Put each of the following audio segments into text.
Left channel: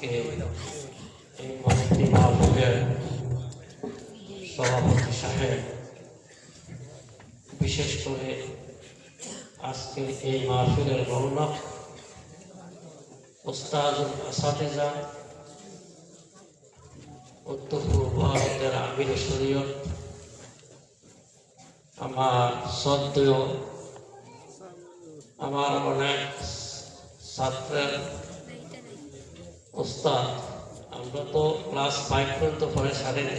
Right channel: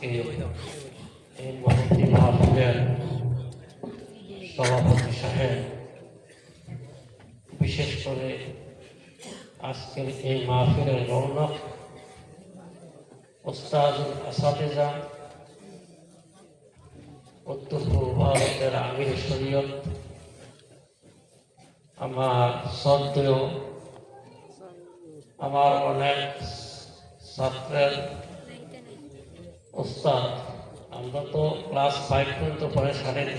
আজকে এই মহতী মাহফিলের সভাপতি সাহেব, বিশেষ করে আজকে এই মাহফিলের রৌনক ওস্তাদুল আসাতিজা, উত্তর পূর্বের আমির শরীয়ত, আমার শ্রদ্ধেয়, আমার অনেক ছাত্রের ওস্তাদ। আমরা তো ক্লাস 5 পর্যন্ত পরে ছাড়েনি,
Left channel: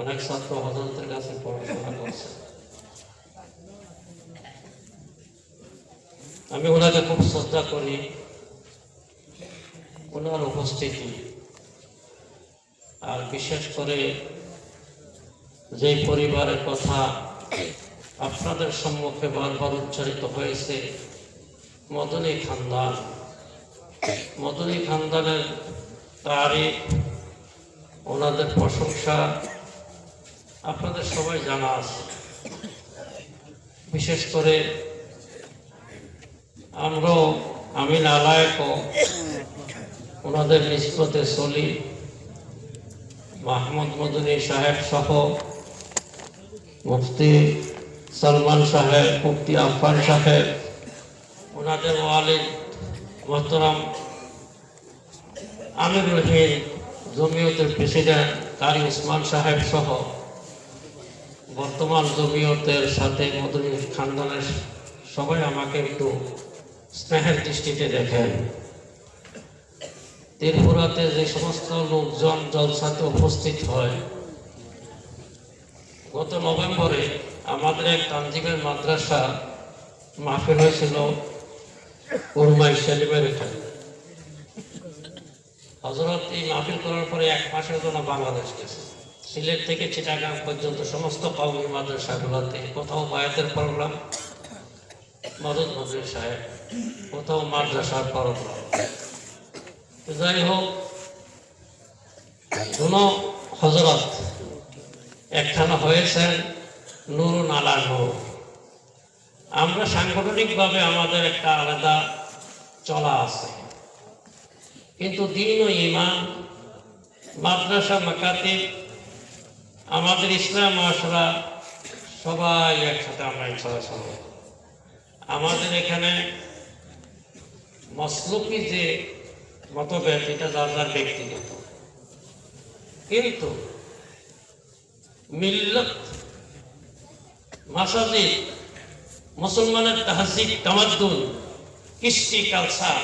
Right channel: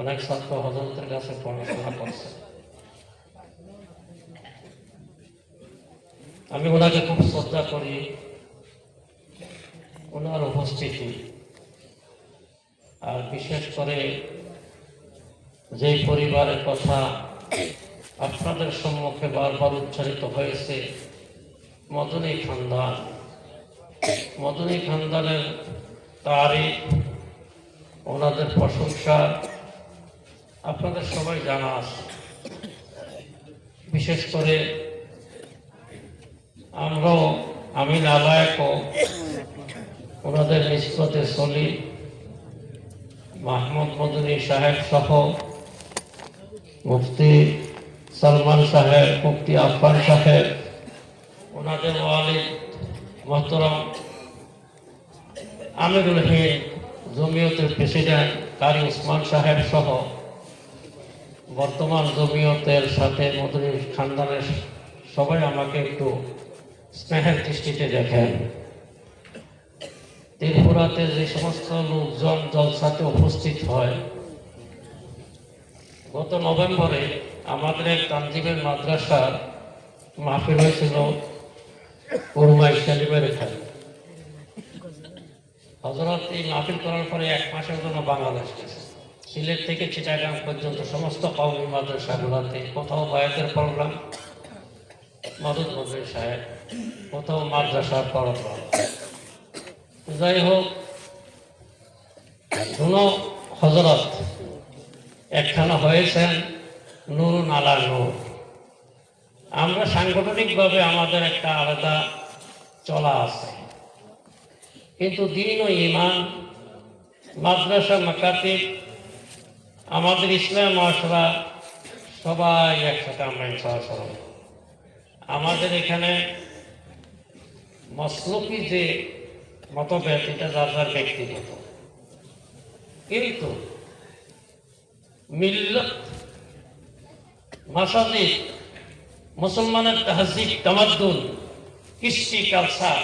অনেক ছাত্র হজরতের কাছে পড়াশোনা করছে। আমি ওনাকে খুব শ্রদ্ধা করি, ওনার উপস্থিতি আর বিশেষ করে যে পরিবারের কথা আপনাদের সম্মুখে বারবার উচ্চারিত হয়েছে, মদনী খানদান, মদনী খানদানের তারিখ, ওনাদের প্রশংসা আপনাদের সবাই জানা আছে। বিশেষ করে আমি নালায়ক ওনাদের নিষ্পতে চলি। মাহমুদ মদনী সাহেব সহ মুফতি সালমান সাহেব, মুফতি আফফান সাহেব, ওনাদের ওয়ালিদ মোহতারাম আমিরুল হিন্দ জমিয়তের প্রেসিডেন্ট কারি উসমান সাহেব সহ বর্তমান জমিয়তের সাথে মদনী খানদানের সবাই আমাকে একটু স্নেহের দৃষ্টিতে দেখেন। ত্রিপুরাতে যে সমস্ত লোকজন জলসাতে উপস্থিত হয়, গত নভেম্বরে আমাদের এক তানজিমের মাদ্রাসা মাহফিল হয়েছিল উরমাই শরীফের এখানে। হযরত এই মাহফিল করার পরে 1 মাসের জন্য বাংলাদেশ গেছে। সিলেট থেকে চিটাগাং পর্যন্ত সমস্ত কওমি মাদ্রাসাগুলোতে কোথাও বায়াতের প্রোগ্রাম, মদত মজুর সাহেব, কোথাও মাদ্রাসার প্রোগ্রাম। যাই হোক, কোনো হযরত একখানা হয়েছেন নূর নালার নূর। আমরা সাংগঠনিকভাবে আমাদের একটা আলাদা চলা আছে, কিন্তু দিন ও ইমান, মাদ্রাসা, মাকাতিব, আমাদের ইসলাম মাশরা সবাই একসাথে আমরা ইনশাআল্লাহ। আমাদের এখানে মসলুকি যে মতভেদ, এটা যার যার ব্যক্তিগত, কিন্তু মিল্লত, মাসাজিদ, মুসলমানের তাহজিব, তামাদ্দুন, কৃষ্টি, কালচার,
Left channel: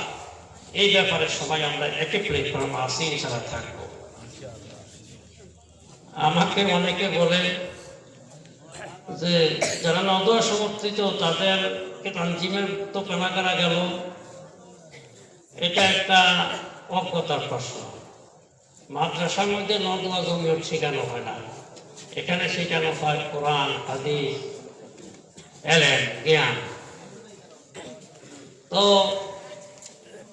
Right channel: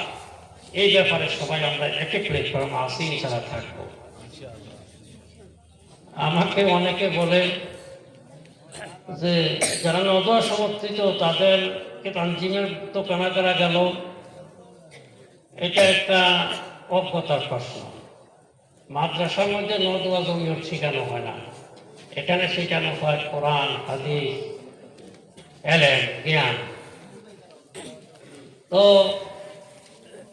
এই ব্যাপারে সবাই আমরা একে প্ল্যাটফর্ম আসি, ইনশাআল্লাহ থাকবো। আমাকে অনেকে বলে যে যারা নদওয়া সমর্থিত তাদেরকে তানজিমের তো কেনা করা গেল, এটা একটা অজ্ঞতার প্রশ্ন। মাদ্রাসার মধ্যে নদওয়া জমিয়ত শেখানো হয় না, এখানে শেখানো হয় কোরআন, হাদিস, এলেম, জ্ঞান। তো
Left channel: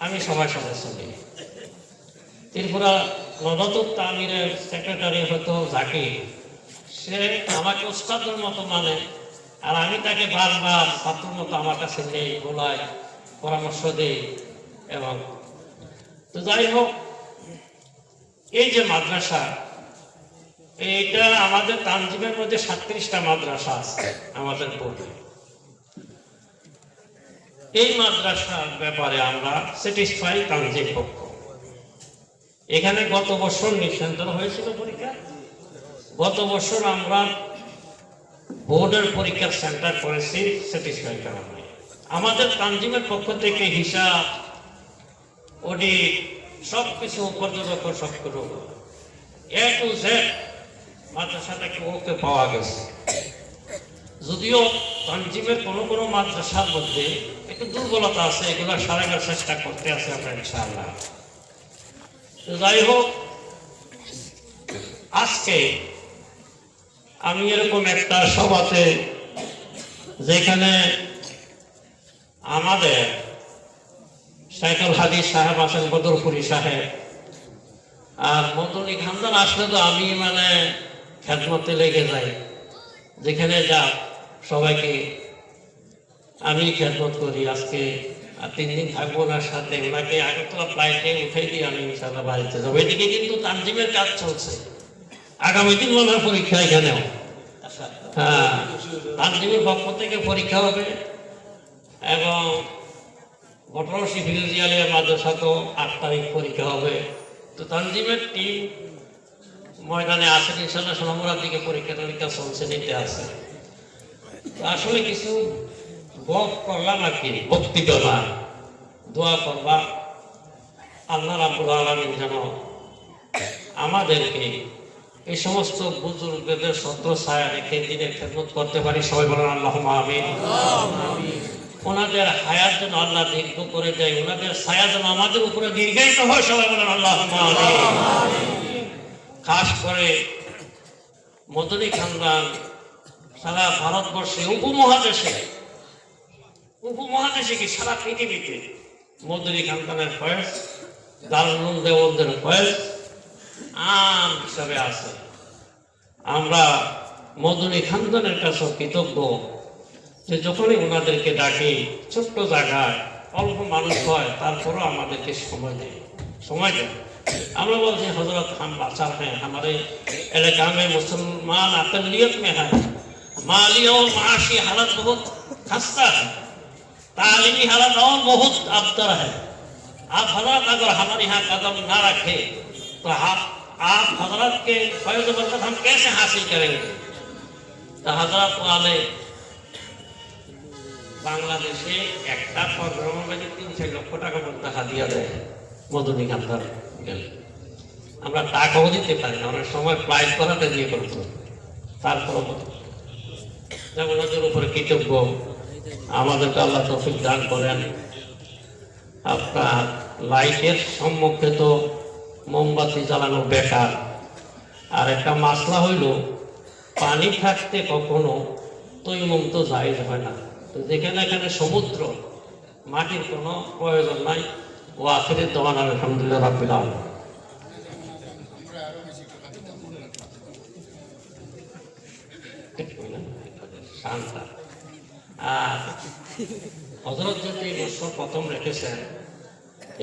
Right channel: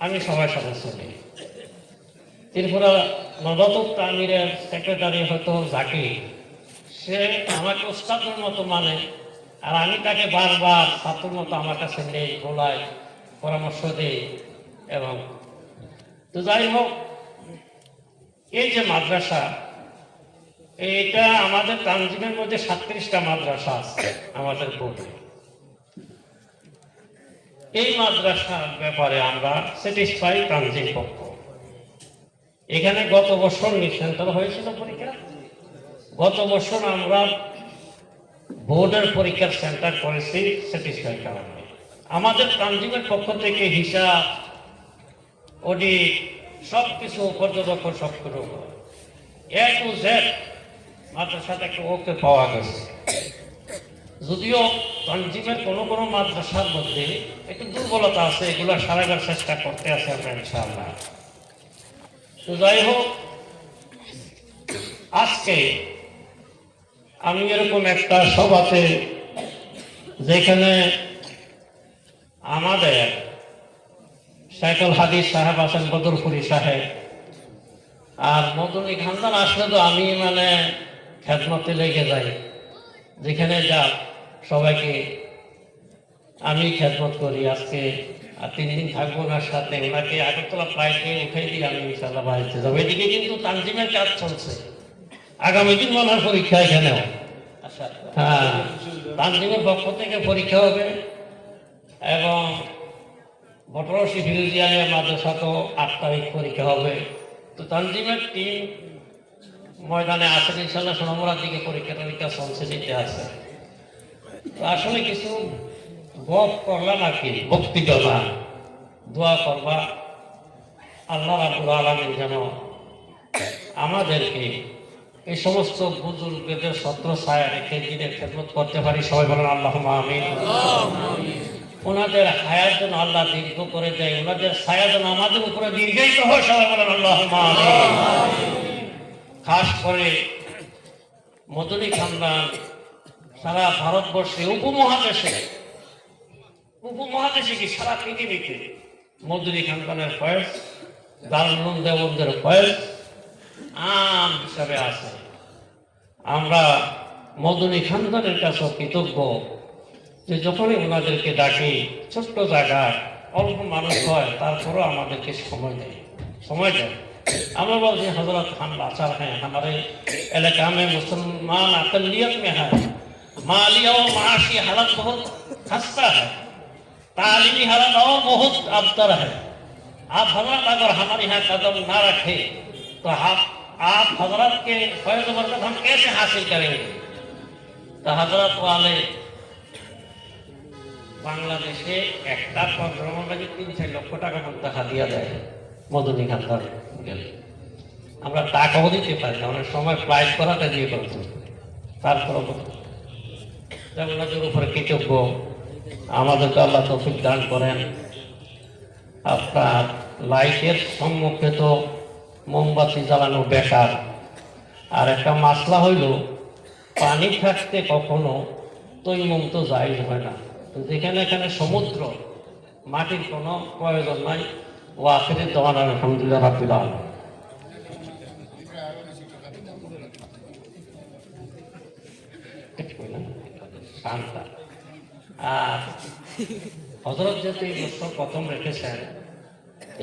আমি সবার সাথে চলি। ত্রিপুরা নবাতুল তামিরের সেক্রেটারি হতো জাকির, সে আমাকে ওস্তাদের মতো মানে, আর আমি তাকে বারবার ছাত্রের মতো আমার কাছে নেই, বলায়, পরামর্শ দেই। এবং তো যাই হোক, এই যে মাদ্রাসা, এইটা আমাদের তানজিমের মধ্যে 37টা মাদ্রাসা আছে আমাদের বোর্ডে। এই মাদ্রাসার ব্যাপারে আমরা স্যাটিসফাই তানজিম পক্ষ। এখানে গত বছর নিঃসন্তান হয়েছিল পরীক্ষা। গত বছর আমরা বোর্ডের পরীক্ষার সেন্টার করেছি স্যাটিসফাই কারণে। আমাদের তানজিমের পক্ষ থেকে হিসাব, অডিট, সবকিছু পর্যবেক্ষণ সবকিছু A to Z মাদ্রাসা থেকে ওকে পাওয়া গেছে। যদিও তানজিমের কোনো কোনো মাদ্রাসার মধ্যে একটু দুর্বলতা আছে, এগুলো সারাবার চেষ্টা করতে আছে আমরা ইনশাআল্লাহ। তো যাই হোক, আজকে আমি এরকম একটা সভাতে, যেখানে আমাদের শেখুল হাদিস সাহেব আছেন, বদরপুরি সাহেব, আর মদনী খানদান আসলে তো আমি মানে খেদমতে লেগে যাই, যেখানে যা সবাইকে আমি খেদমত করি। আজকে আর 3 দিন থাকবো ওনার সাথে, ওনাকে আগরতলা ফ্লাইটে উঠে দিয়ে আমি ইনশাআল্লাহ বাড়িতে যাবো। এদিকে কিন্তু তানজিমের কাজ চলছে, আগামী দিন মনে হয় পরীক্ষা এখানেও। হ্যাঁ, তানজিমের পক্ষ থেকে পরীক্ষা হবে এবং ঘটরশি ফিরোজিয়ানের মাদ্রাসাতেও 8 তারিখ পরীক্ষা হবে। তো তানজিমের টিম ময়দানে আছে ইনশাআল্লাহ, সোমবার দিকে পরীক্ষা টরীক্ষা চলছে, নিতে আছে। তো আসলে কিছু বধ করলাম আর কি, বক্তৃতা না, দোয়া করবা আল্লাহ রাব্বুল আলামিন যেন আমাদেরকে এই সমস্ত বুজুর্গদের ছত্র ছায়া রেখে দিনের খেদমত করতে পারি। সবাই বলেন আল্লাহুম্মা আমিন। ওনাদের হায়াত যেন আল্লাহ দীর্ঘ করে দেয়, ওনাদের ছায়া যেন আমাদের উপরে দীর্ঘায়িত হয়। সবাই বলেন আল্লাহুম্মা আমিন। খাস করে মদনী খানদান সারা ভারতবর্ষে, উপমহাদেশে কি সারা পৃথিবীতে মদনী খানদানের ফয়েজ, দারুল উলুম দেওবন্দের ফয়েজ আম হিসাবে আছে। আমরা মদনী খানদানের কাছে কৃতজ্ঞ যে যখনই ওনাদেরকে ডাকি, ছোট্ট জায়গা, অল্প মানুষ হয়, তারপরেও আমাদেরকে সময় দেয়। আমরা বলছি हजरत हम लाचार हैं, हमारे इलाका में मुसलमान अकलियत में है, माली और माशी हालत बहुत खस्ता है, तालीमी हालत और बहुत अबतर है। आप हजरत अगर हमारे यहाँ कदम ना रखे तो आप हजरत के फैज़ बरकत हम कैसे हासिल करेंगे। तो हजरत वाले বাংলাদেশে একটা প্রোগ্রামের কাছে 3-4 লক্ষ টাকা পর্যন্ত হাদিয়া দেয় মদনী খানদান গেলে। আমরা টাকাও দিতে পারি না, অনেক সময় ফ্লাইট করাতে দিয়ে করতো। তারপর ওনাদের উপরে কৃতজ্ঞ, আমাদেরকে আল্লাহ তৌফিক দান করেন। আপনার লাইটের সম্মুখে তো মোমবাতি জ্বালানো বেকার, আর একটা মাসলা হইল পানি থাকতে কখনো তৈমুম তো জায়েজ হয় না। যেখানে এখানে সমুদ্র, মাটির কোনো প্রয়োজন নাই। ও আখিরের দোয়ান আলহামদুলিল্লাহ রাব্বিল আলামিন। হযরত যেহেতু এই বছর প্রথম রেখেছেন,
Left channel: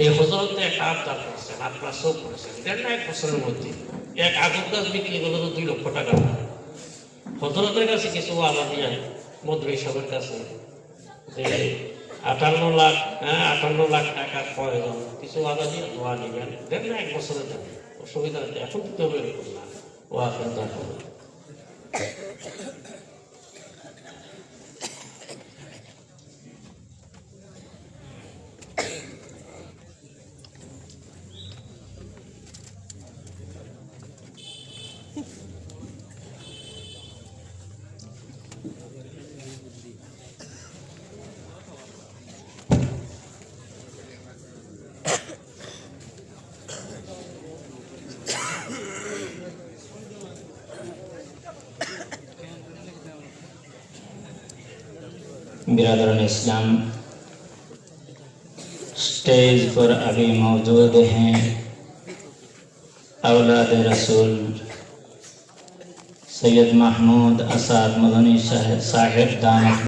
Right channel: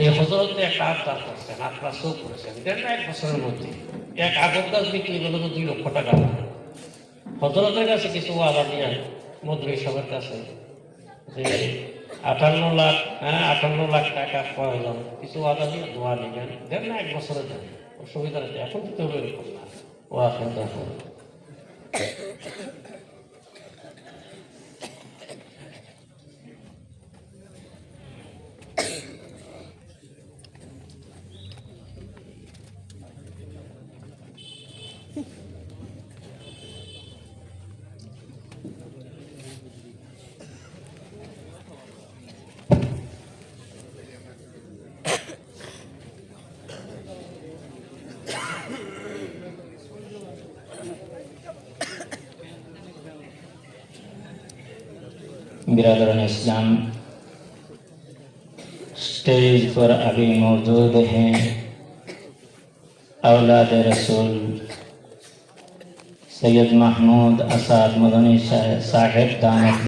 এই হযরতে এক আবদার করছেন, আপনার চোখ করেছেন, 1.5 বছরের মধ্যে এক আগর গাছ বিক্রি করে 2 লক্ষ টাকা। হযরতের কাছে কিছু আদা নিয়ে মদনী সাহেবের কাছে যে 58 লাখ টাকা প্রয়োজন, কিছু আদা দিয়ে দোয়া নেবেন, 1.5 বছরের জন্য অসুবিধা নেই। এখন তো বের করলাম ও আপনার দরকার। बिरादरान इस्लाम, स्टेज पर अभी मौजूद हैं औलाद रसूल सैयद महमूद असाद मदनी साहिब दानत